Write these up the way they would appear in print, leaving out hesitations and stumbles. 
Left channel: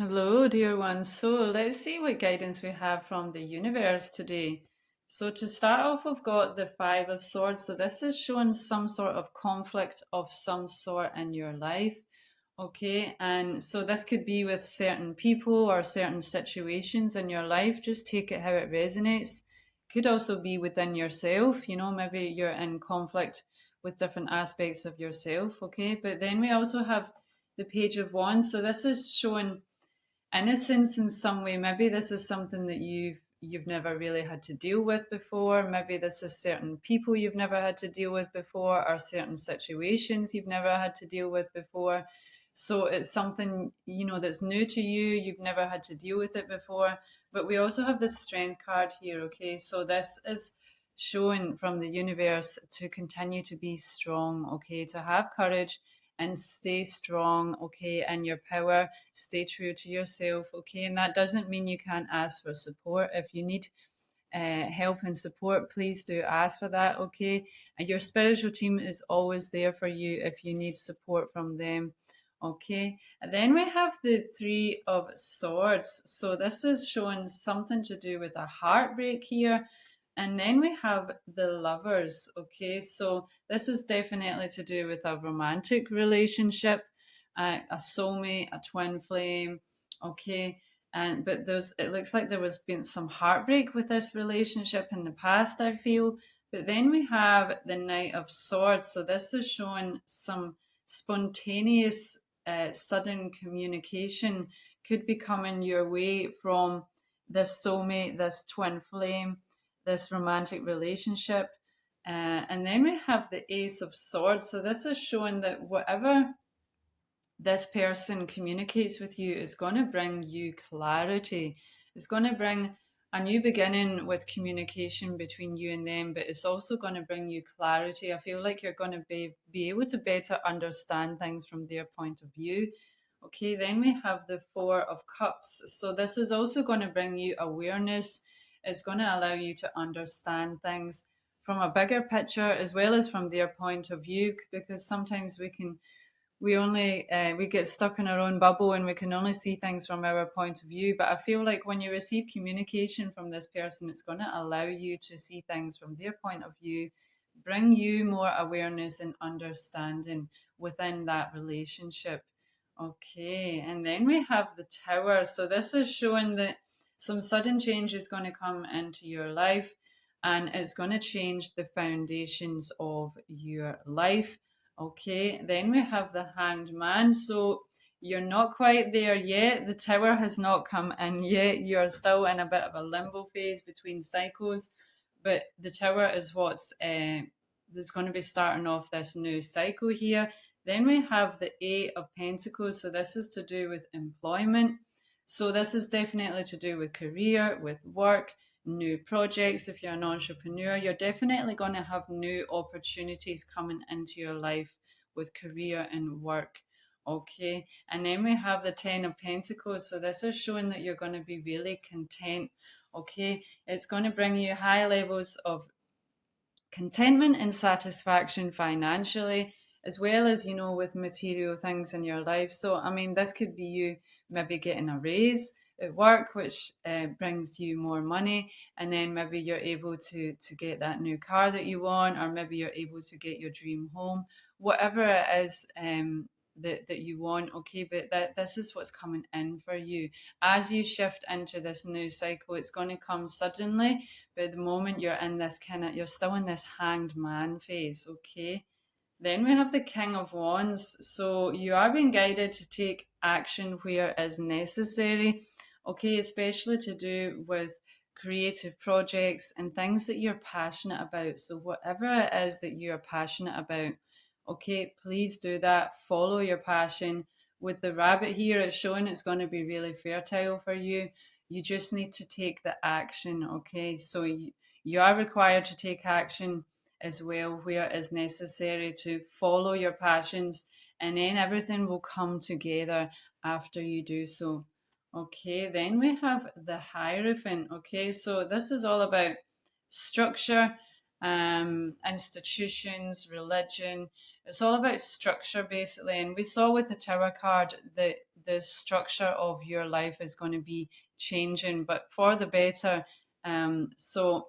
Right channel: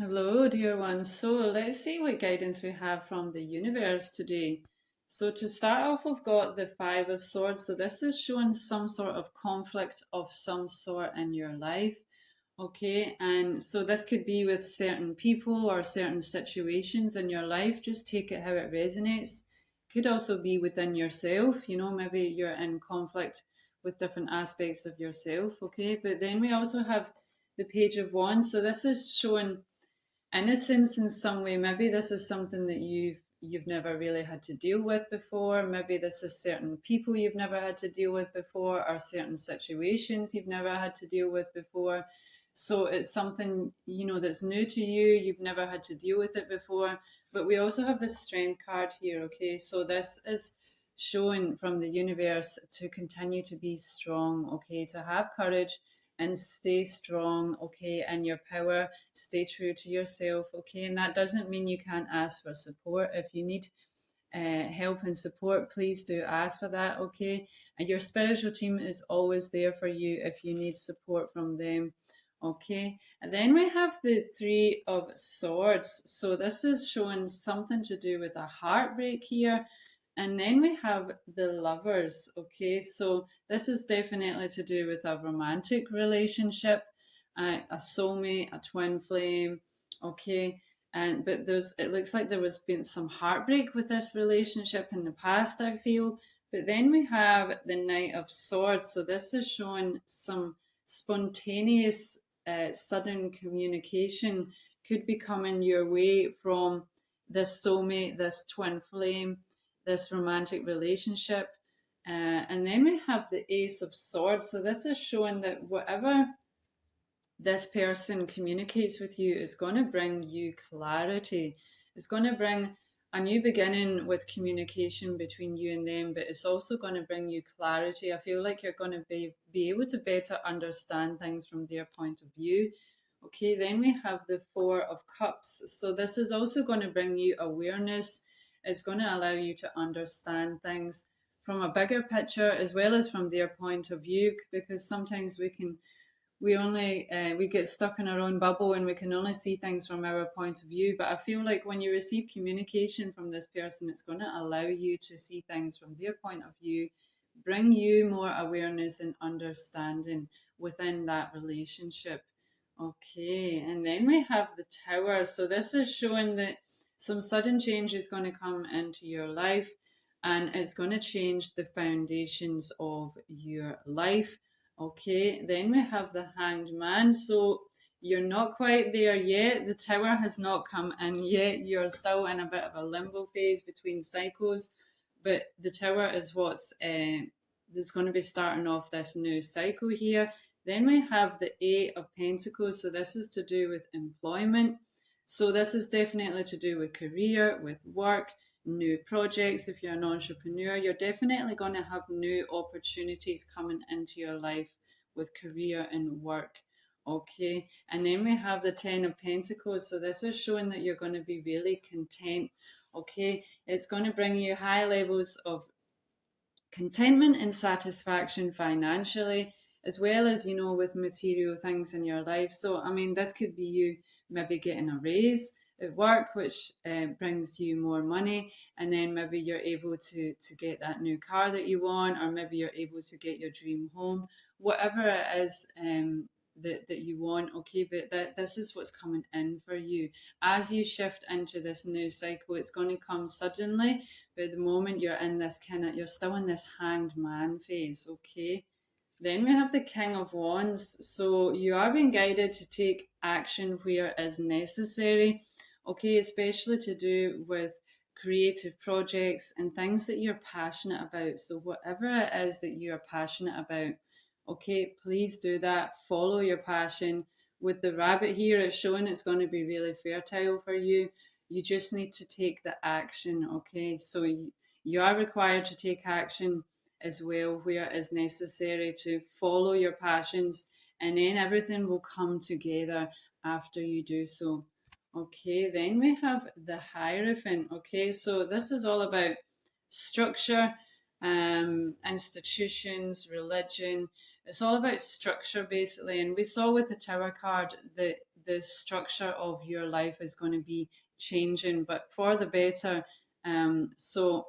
Hello, dear one. So let's see what guidance we have from the universe today. So to start off, we've got the Five of Swords. So this is showing some sort of conflict of some sort in your life. Okay, and so this could be with certain people or certain situations in your life. Just take it how it resonates. Could also be within yourself. Maybe you're in conflict with different aspects of yourself. Okay, but then we also have the Page of Wands. So this is showing innocence in some way. Maybe this is something that you've never really had to deal with before. Maybe this is certain people you've never had to deal with before, or certain situations you've never had to deal with before. So it's something that's new to you. You've never had to deal with it before. But we also have the Strength card here. Okay, so this is showing from the universe to continue to be strong. Okay, to have courage and stay strong. Okay, and your power, stay true to yourself. Okay, and that doesn't mean you can't ask for support. If you need help and support, please do ask for that. Okay, and your spiritual team is always there for you if you need support from them. Okay, and then we have the Three of Swords. So this is showing something to do with a heartbreak here. And then we have the Lovers. Okay, so this is definitely to do with a romantic relationship, a soulmate, a twin flame. Okay, and but it looks like there was been some heartbreak with this relationship in the past, I feel. But then we have the Knight of Swords. So this is showing some spontaneous, sudden communication could be coming your way from this soulmate, this twin flame, this romantic relationship. And then we have the Ace of Swords. So this is showing that whatever this person communicates with you is going to bring you clarity. It's going to bring a new beginning with communication between you and them, but it's also going to bring you clarity. I feel like you're going to be able to better understand things from their point of view. Okay, then we have the Four of Cups. So this is also going to bring you awareness. It's going to allow you to understand things from a bigger picture as well as from their point of view, because sometimes we get stuck in our own bubble and we can only see things from our point of view. But I feel like when you receive communication from this person, it's going to allow you to see things from their point of view, bring you more awareness and understanding within that relationship. Okay, and then we have the Tower. So this is showing that some sudden change is going to come into your life, and it's going to change the foundations of your life. Okay, then we have the Hanged Man. So you're not quite there yet. The Tower has not come in yet. You're still in a bit of a limbo phase between cycles, but the Tower is what's that's going to be starting off this new cycle here. Then we have the Eight of Pentacles. So this is to do with employment. So this is definitely to do with career, with work, new projects. If you're an entrepreneur, you're definitely going to have new opportunities coming into your life with career and work. Okay, and then we have the Ten of Pentacles. So this is showing that you're going to be really content. Okay, it's going to bring you high levels of contentment and satisfaction financially, as well as, with material things in your life. So, I mean, this could be you maybe getting a raise at work, which brings you more money, and then maybe you're able to get that new car that you want, or maybe you're able to get your dream home, whatever it is. That you want. Okay, but this is what's coming in for you as you shift into this new cycle. It's going to come suddenly, but at the moment you're still in this hanged man phase. Okay, then we have the King of Wands. So you are being guided to take action where is necessary. Okay, especially to do with creative projects and things that you're passionate about. So whatever it is that you're passionate about, okay, please do that. Follow your passion. With the rabbit here, it's showing it's going to be really fertile for you. You just need to take the action. Okay, so you are required to take action as well where it is necessary to follow your passions, and then everything will come together after you do so. Okay, then we have the Hierophant. Okay, so this is all about structure, institutions, religion. It's all about structure basically. And we saw with the Tower card that the structure of your life is going to be changing, but for the better. So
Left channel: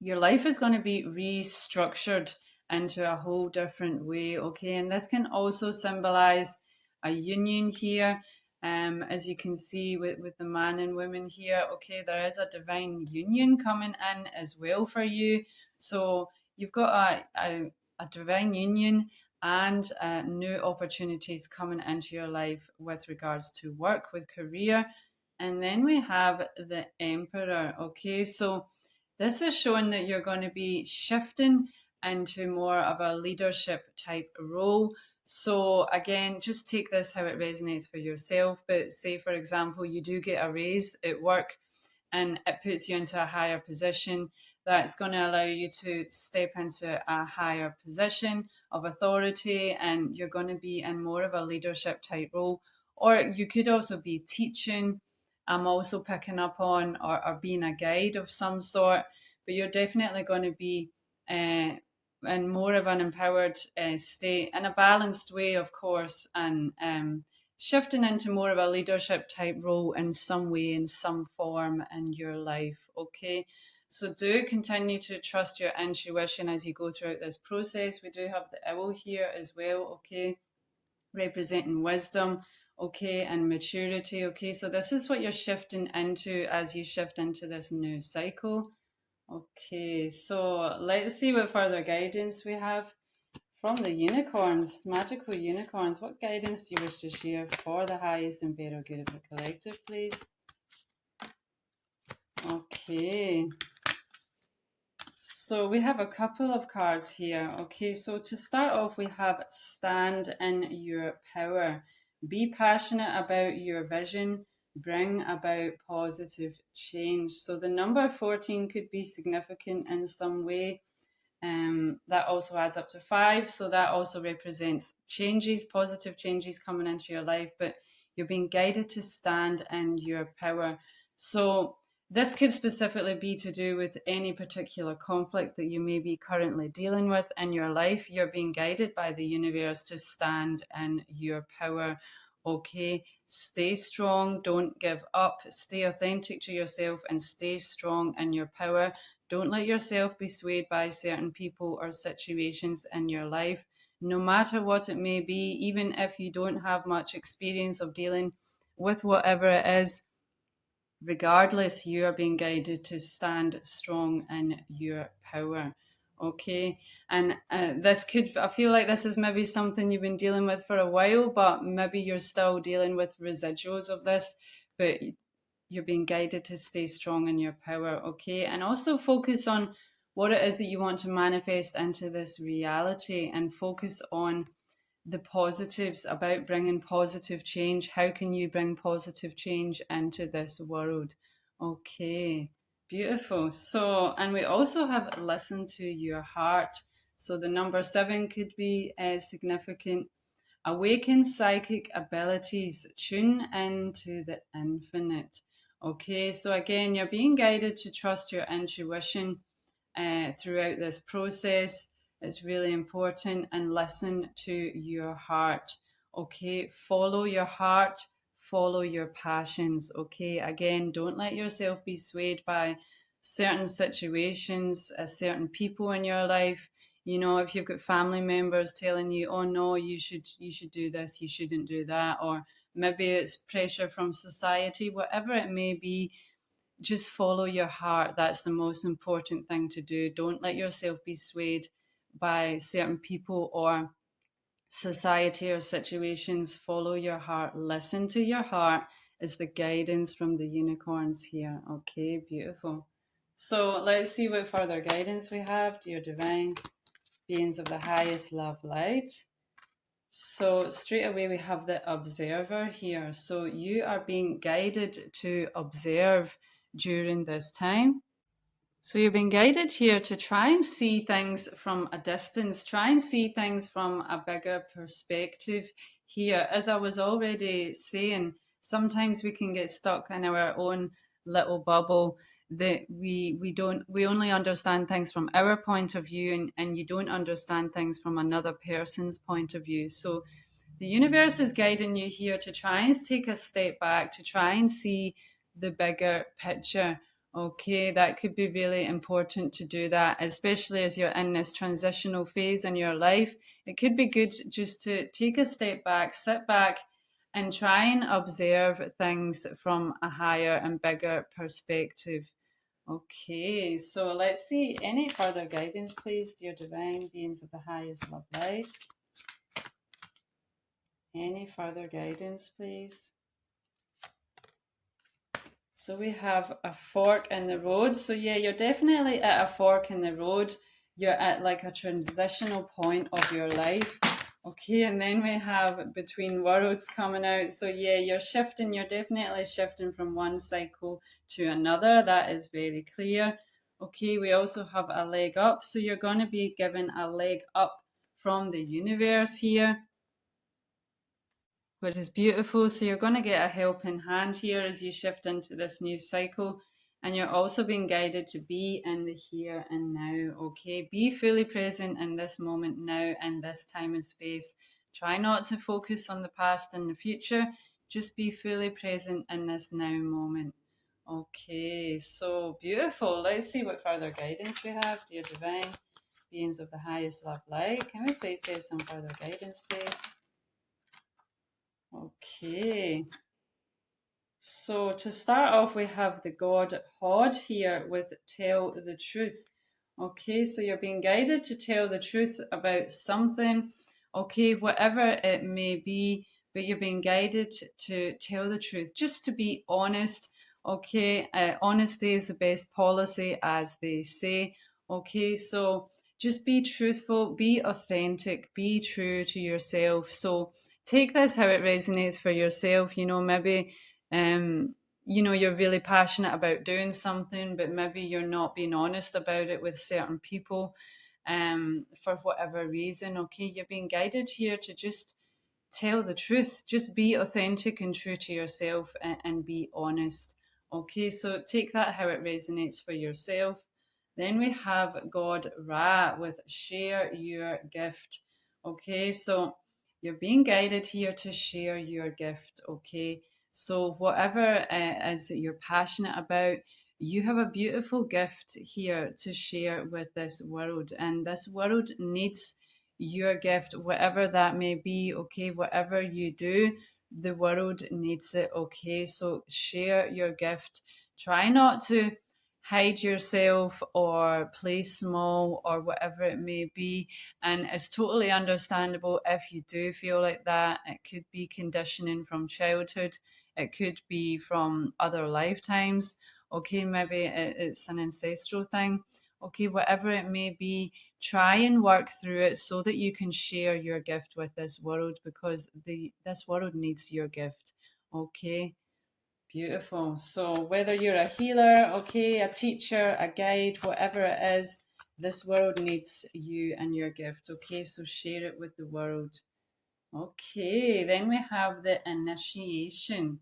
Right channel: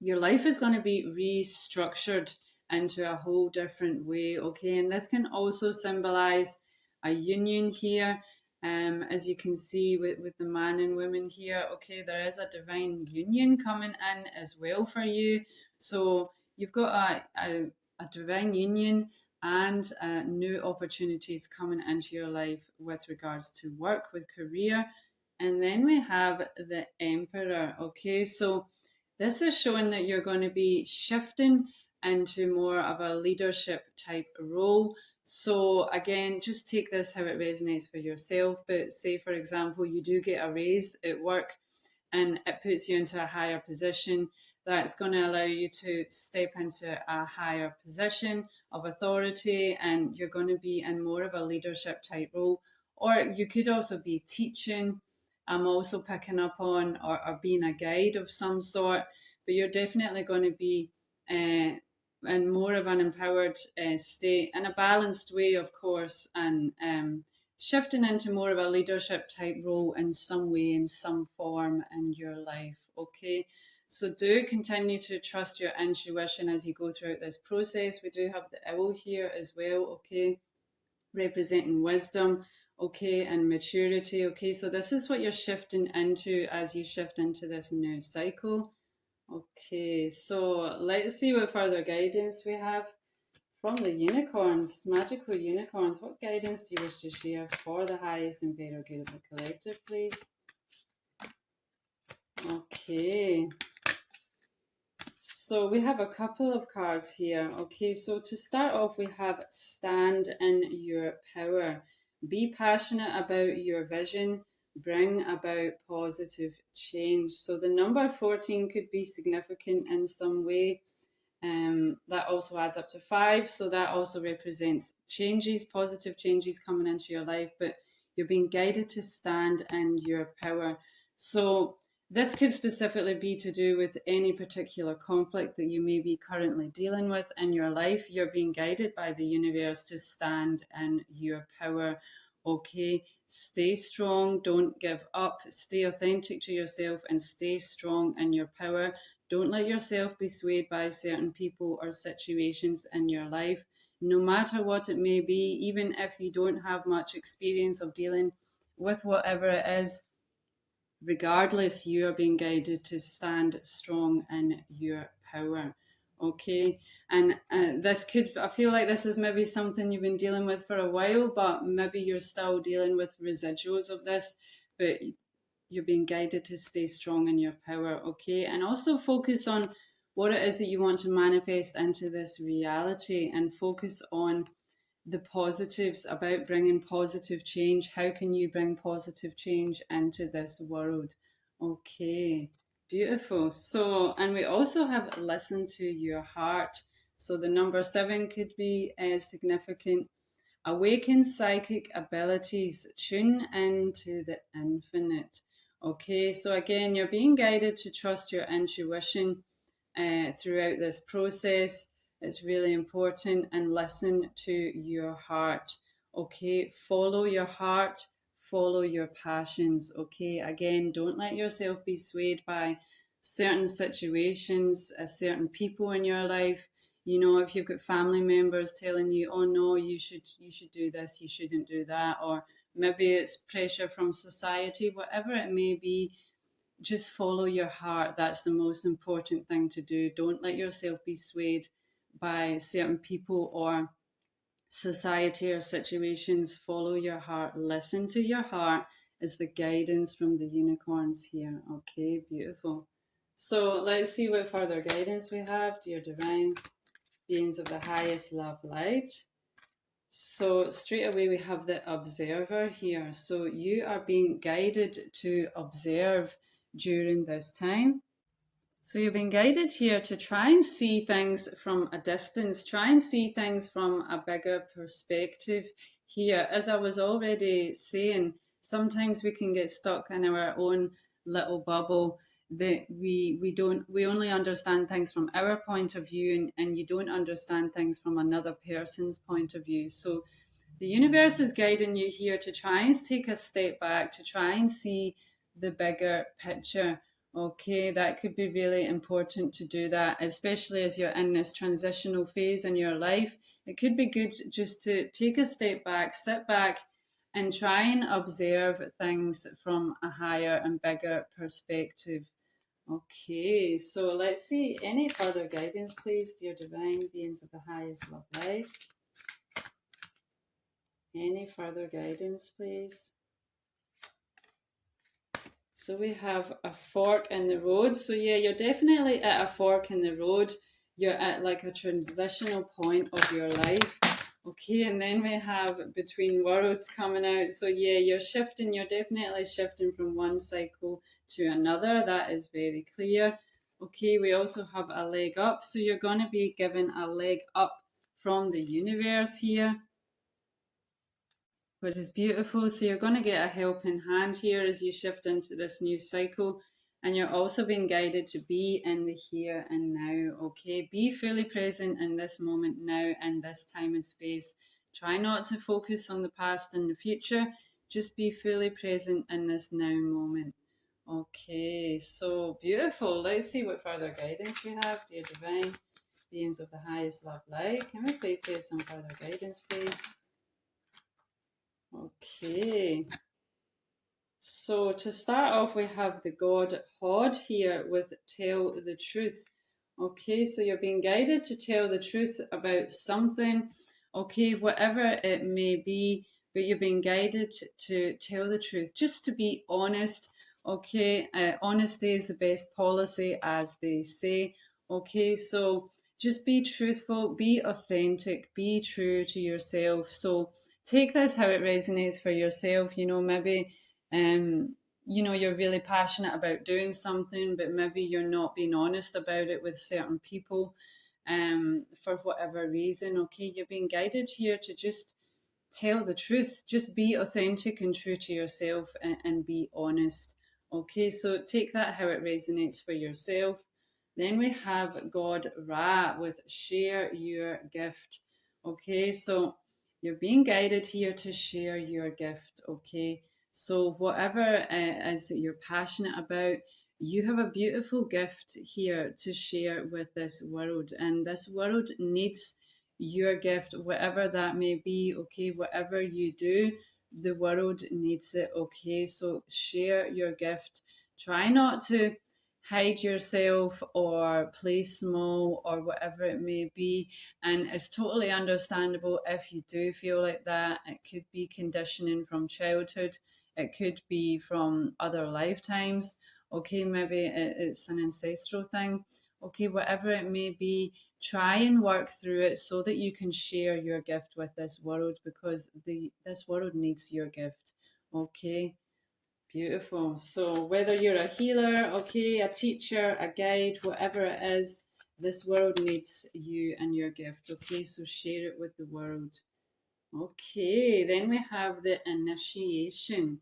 your life is going to be restructured into a whole different way, okay? And this can also symbolize a union here. As you can see with the man and woman here, okay, there is a divine union coming in as well for you. So you've got a divine union and new opportunities coming into your life with regards to work, with career. And then we have the Emperor, okay? So this is showing that you're going to be shifting into more of a leadership type role. So again, just take this how it resonates for yourself. But say, for example, you do get a raise at work and it puts you into a higher position. That's going to allow you to step into a higher position of authority, and you're going to be in more of a leadership type role. Or you could also be teaching. I'm also picking up on, or being a guide of some sort, but you're definitely going to be in more of an empowered state, in a balanced way, of course, and shifting into more of a leadership type role in some way, in some form in your life. Okay. So do continue to trust your intuition as you go throughout this process. We do have the owl here as well, okay, representing wisdom, okay, and maturity. Okay, so this is what you're shifting into as you shift into this new cycle. Okay, so let's see what further guidance we have from the unicorns, magical unicorns. What guidance do you wish to share for the highest and better good of the collective, please? Okay, so we have a couple of cards here. Okay, so to start off, we have stand in your power. Be passionate about your vision. Bring about positive change. So the number 14 could be significant in some way. That also adds up to 5. So that also represents changes, positive changes coming into your life, but you're being guided to stand in your power. So this could specifically be to do with any particular conflict that you may be currently dealing with in your life. You're being guided by the universe to stand in your power. Okay, stay strong, don't give up, stay authentic to yourself, and stay strong in your power. Don't let yourself be swayed by certain people or situations in your life, no matter what it may be, even if you don't have much experience of dealing with whatever it is. Regardless, you are being guided to stand strong in your power. Okay, and this could, I feel like this is maybe something you've been dealing with for a while, but maybe you're still dealing with residuals of this, but you're being guided to stay strong in your power, okay? And also focus on what it is that you want to manifest into this reality, and focus on the positives about bringing positive change. How can you bring positive change into this world? Okay, beautiful. So, and we also have listen to your heart. So the number 7 could be significant. Awaken psychic abilities, tune into the infinite. Okay, so again, you're being guided to trust your intuition throughout this process. It's really important, and listen to your heart. Okay, follow your heart, follow your passions. Okay, again, don't let yourself be swayed by certain situations, certain people in your life. You know, if you've got family members telling you, oh no, you should do this, you shouldn't do that, or maybe it's pressure from society, whatever it may be, just follow your heart. That's the most important thing to do. Don't let yourself be swayed by certain people or society or situations. Follow your heart, listen to your heart, is the guidance from the unicorns here. Okay, beautiful. So let's see what further guidance we have, dear divine beings of the highest love light. So straight away we have the observer here. So you are being guided to observe during this time. So you're being guided here to try and see things from a distance, try and see things from a bigger perspective here. As I was already saying, sometimes we can get stuck in our own little bubble that we only understand things from our point of view, and you don't understand things from another person's point of view. So the universe is guiding you here to try and take a step back, to try and see the bigger picture. Okay, that could be really important to do that, especially as you're in this transitional phase in your life. It could be good just to take a step back, sit back, and try and observe things from a higher and bigger perspective. Okay, so let's see any further guidance, please, dear divine beings of the highest love light. Any further guidance, please? So we have a fork in the road. So yeah, you're definitely at a fork in the road. You're at like a transitional point of your life. Okay, and then we have between worlds coming out. So yeah, you're shifting, you're definitely shifting from one cycle to another. That is very clear. Okay, we also have a leg up. So you're going to be given a leg up from the universe here, which is beautiful. So you're going to get a helping hand here as you shift into this new cycle. And you're also being guided to be in the here and now. Okay, be fully present in this moment now and this time and space. Try not to focus on the past and the future. Just be fully present in this now moment. Okay, so beautiful. Let's see what further guidance we have, dear divine beings of the highest love light. Can we please get some further guidance, please? Okay, so to start off, we have the god Hod here with tell the truth. Okay, so you're being guided to tell the truth about something, okay, whatever it may be, but you're being guided to tell the truth, just to be honest. Okay, honesty is the best policy, as they say. Okay, so just be truthful, be authentic, be true to yourself. So take this how it resonates for yourself. You know, maybe you're really passionate about doing something, but maybe you're not being honest about it with certain people for whatever reason. Okay, you're being guided here to just tell the truth, just be authentic and true to yourself, and be honest. Okay, so take that how it resonates for yourself. Then we have God Ra with share your gift. Okay, so you're being guided here to share your gift. Okay, so whatever is that you're passionate about, you have a beautiful gift here to share with this world, and this world needs your gift, whatever that may be. Okay, whatever you do, the world needs it. Okay, so share your gift. Try not to hide yourself or play small or whatever it may be. And it's totally understandable if you do feel like that. It could be conditioning from childhood, it could be from other lifetimes. Okay, maybe it's an ancestral thing. Okay, whatever it may be, try and work through it so that you can share your gift with this world, because this world needs your gift. Okay, beautiful. So whether you're a healer, okay, a teacher, a guide, whatever it is, this world needs you and your gift. Okay, so share it with the world. Okay, then we have the initiation.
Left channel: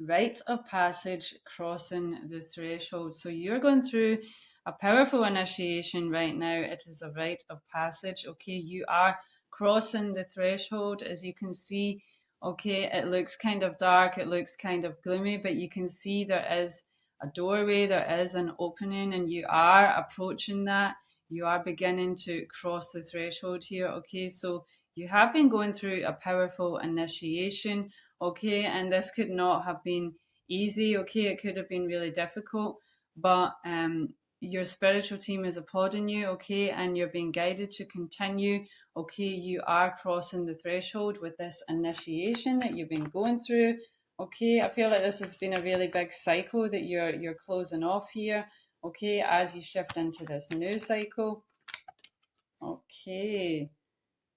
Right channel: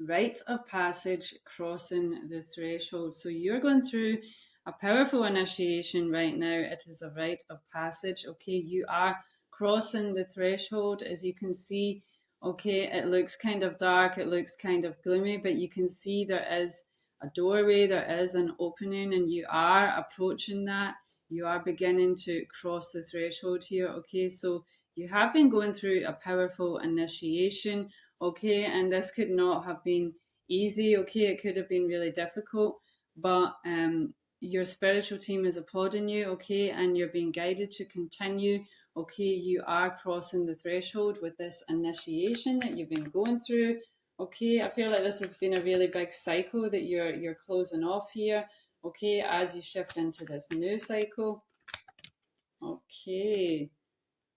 Rite of passage, crossing the threshold. So you're going through a powerful initiation right now. It is a rite of passage. Okay, you are crossing the threshold, as you can see. Okay, it looks kind of dark, it looks kind of gloomy, but you can see there is a doorway, there is an opening, and you are approaching that. You are beginning to cross the threshold here. Okay, so you have been going through a powerful initiation. Okay, and this could not have been easy. Okay, it could have been really difficult, but your spiritual team is applauding you. Okay, and you're being guided to continue. Okay, you are crossing the threshold with this initiation that you've been going through. Okay, I feel like this has been a really big cycle that you're closing off here. Okay, as you shift into this new cycle. Okay,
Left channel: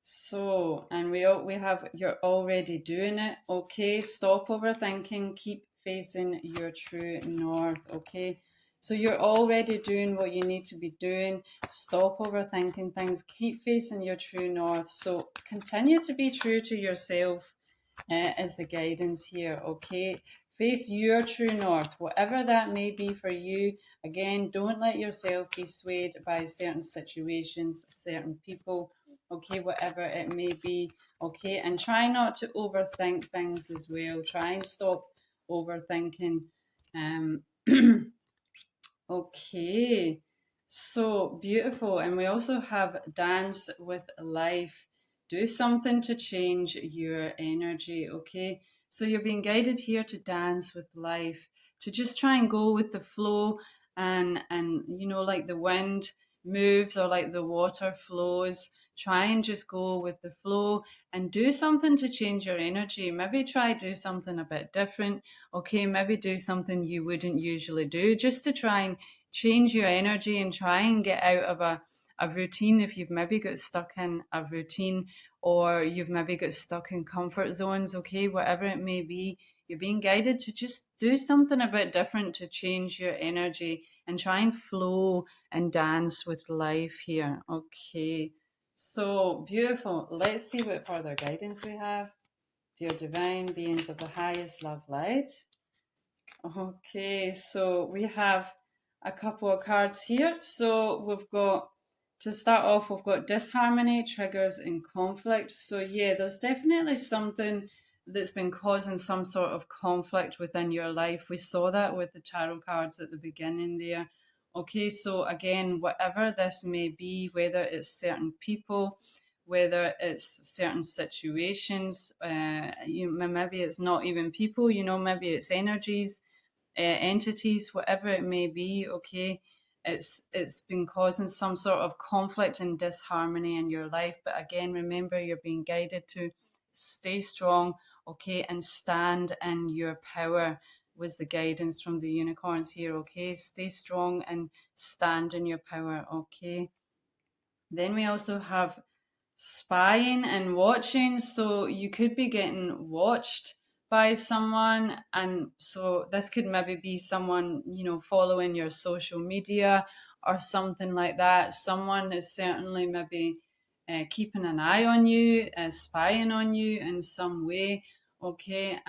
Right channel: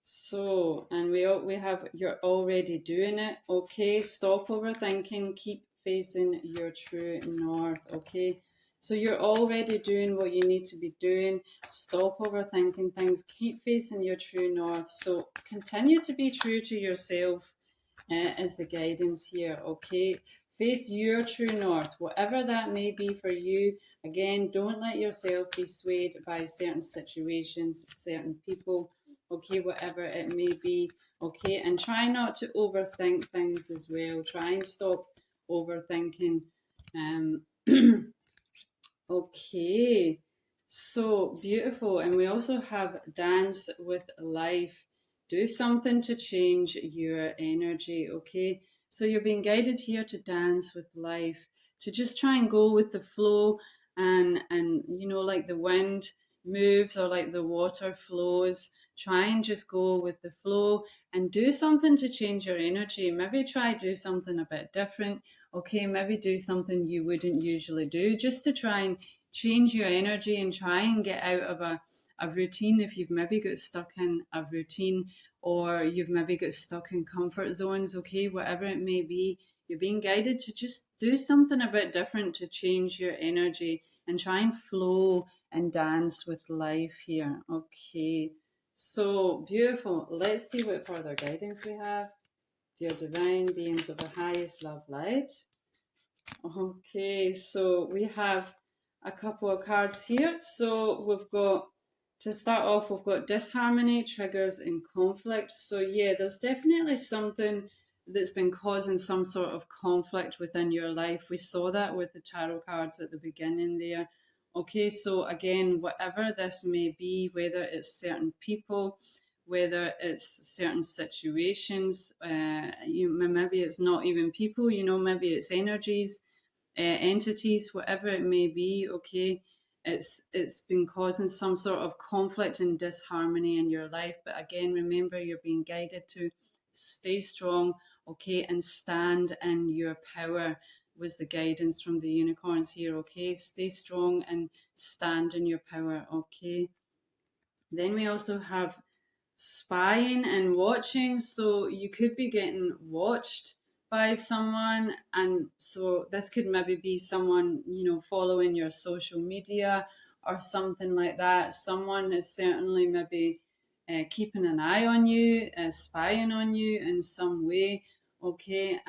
so, and we have you're already doing it. Okay, stop overthinking, keep facing your true north. Okay, so you're already doing what you need to be doing. Stop overthinking things, keep facing your true north. So continue to be true to yourself, is the guidance here. Okay, Face your true north, whatever that may be for you. Again, don't let yourself be swayed by certain situations, certain people, okay, whatever it may be, okay, and try not to overthink things as well. Try and stop overthinking. Um, Okay, so beautiful. And we also have dance with life. Do something to change your energy, okay? So you're being guided here to dance with life, to just try and go with the flow and you know, like the wind moves or like the water flows. Try and just go with the flow and do something to change your energy. Maybe try do something a bit different. Okay, maybe do something you wouldn't usually do just to try and change your energy and try and get out of a routine if you've maybe got stuck in a routine or you've maybe got stuck in comfort zones, okay, whatever it may be, you're being guided to just do something a bit different to change your energy and try and flow and dance with life here. Okay, so beautiful. Let's see what further guidance we have. Dear divine beings of the highest love light. Okay, so we have a couple of cards here. So we've got, to start off, we've got disharmony, triggers, and conflict. So yeah, there's definitely something that's been causing some sort of conflict within your life. We saw that with the tarot cards at the beginning there. Okay, so again, whatever this may be, whether it's certain people, whether it's certain situations, maybe it's not even people, you know, maybe it's energies, entities, whatever it may be, okay, it's been causing some sort of conflict and disharmony in your life. But again, remember, you're being guided to stay strong, okay, and stand in your power was the guidance from the unicorns here, okay? Stay strong and stand in your power, okay? Then we also have spying and watching. So you could be getting watched by someone, and so this could maybe be someone, you know, following your social media or something like that. Someone is certainly maybe keeping an eye on you, spying on you in some way. Okay,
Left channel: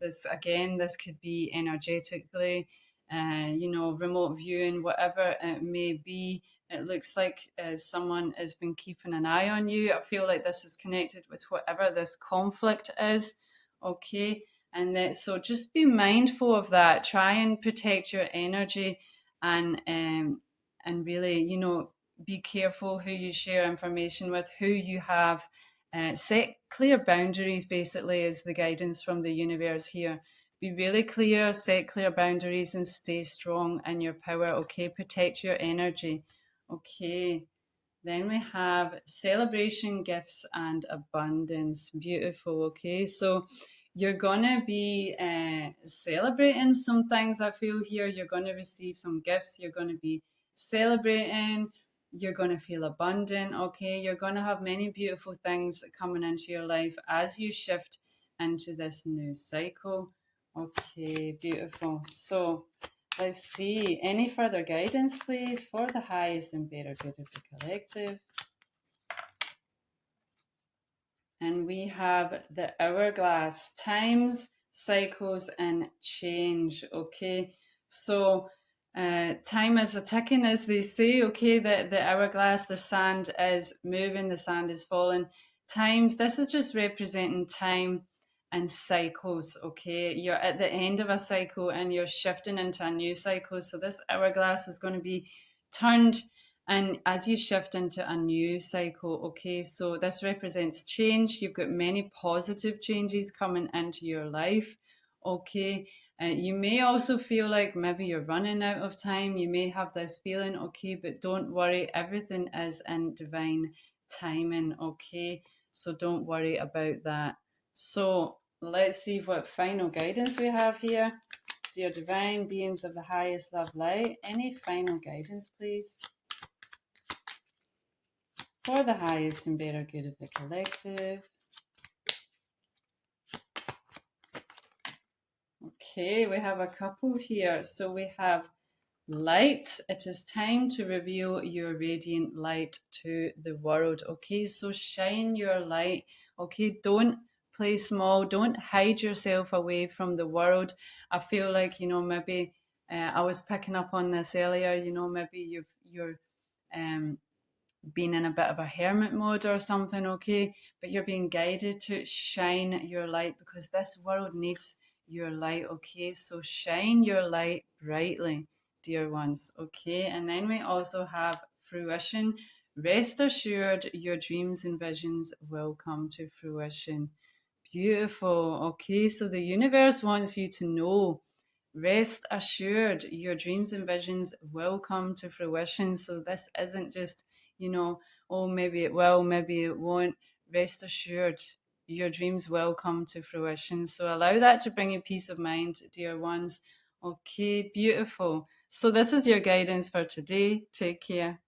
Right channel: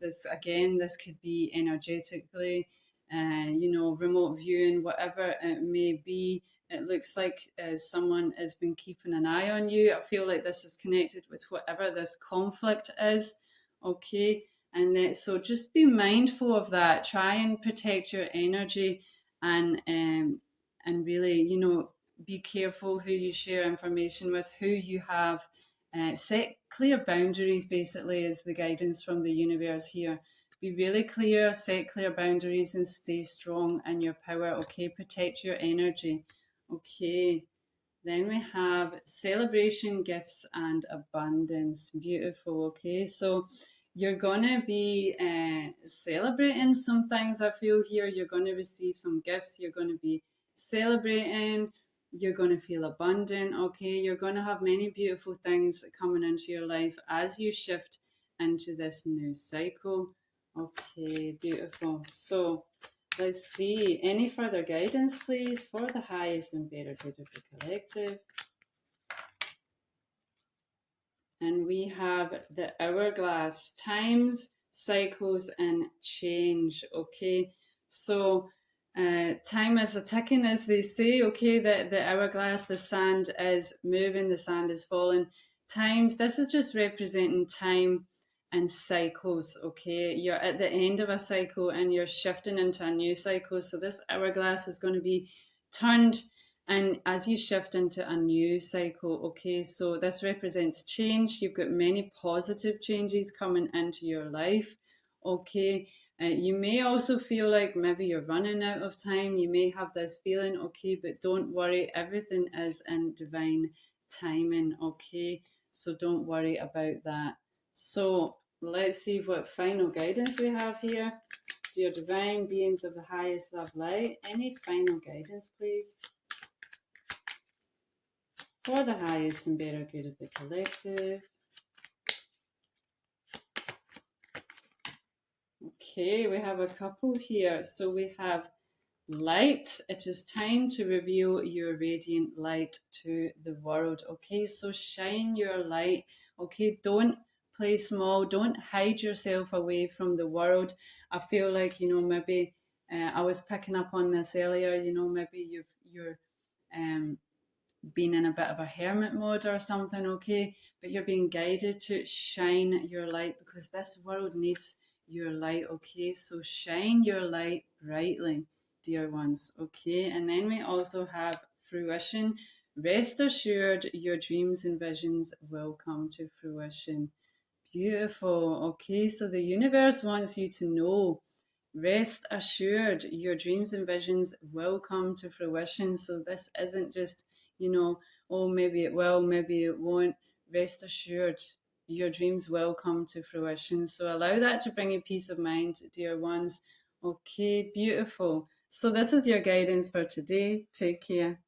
this again, this could be energetically, you know, remote viewing, whatever it may be. It looks like someone has been keeping an eye on you. I feel like this is connected with whatever this conflict is. Okay. And so just be mindful of that. Try and protect your energy and really, you know, be careful who you share information with, who you have. Set clear boundaries, basically, is the guidance from the universe here. Be really clear, set clear boundaries, and stay strong in your power. Okay. Protect your energy. Okay, then we have celebration, gifts, and abundance. Beautiful. Okay, so you're gonna be celebrating some things. I feel here you're gonna receive some gifts. You're gonna be celebrating. You're gonna feel abundant. Okay, you're gonna have many beautiful things coming into your life as you shift into this new cycle. Okay, beautiful. So let's see. Any further guidance, please, for the highest and better good of the collective? And we have the hourglass, times, cycles, and change. Okay, so time is a ticking, as they say. Okay, the hourglass, the sand is moving, the sand is falling. Times, this is just representing time and cycles. Okay, you're at the end of a cycle and you're shifting into a new cycle. So this hourglass is going to be turned, and as you shift into a new cycle, okay, so this represents change. You've got many positive changes coming into your life, okay. You may also feel like maybe you're running out of time. You may have this feeling, okay, but don't worry, everything is in divine timing, okay. So don't worry about that. So let's see what final guidance we have here. Dear divine beings of the highest love light, any final guidance, please? For the highest and better good of the collective. Okay, we have a couple here. So we have light. It is time to reveal your radiant light to the world. Okay, so shine your light. Okay, don't play small. Don't hide yourself away from the world. I feel like, maybe I was picking up on this earlier, maybe you're um, being in a bit of a hermit mode or something, okay? But you're being guided to shine your light because this world needs your light, okay? So shine your light brightly, dear ones, okay? And then we also have fruition. Rest assured, your dreams and visions will come to fruition. Beautiful. Okay, so the universe wants you to know, rest assured, your dreams and visions will come to fruition. So this isn't just, oh, maybe it will, maybe it won't. Rest assured, your dreams will come to fruition. So allow that to bring you peace of mind, dear ones. Okay, beautiful. So this is your guidance for today. Take care.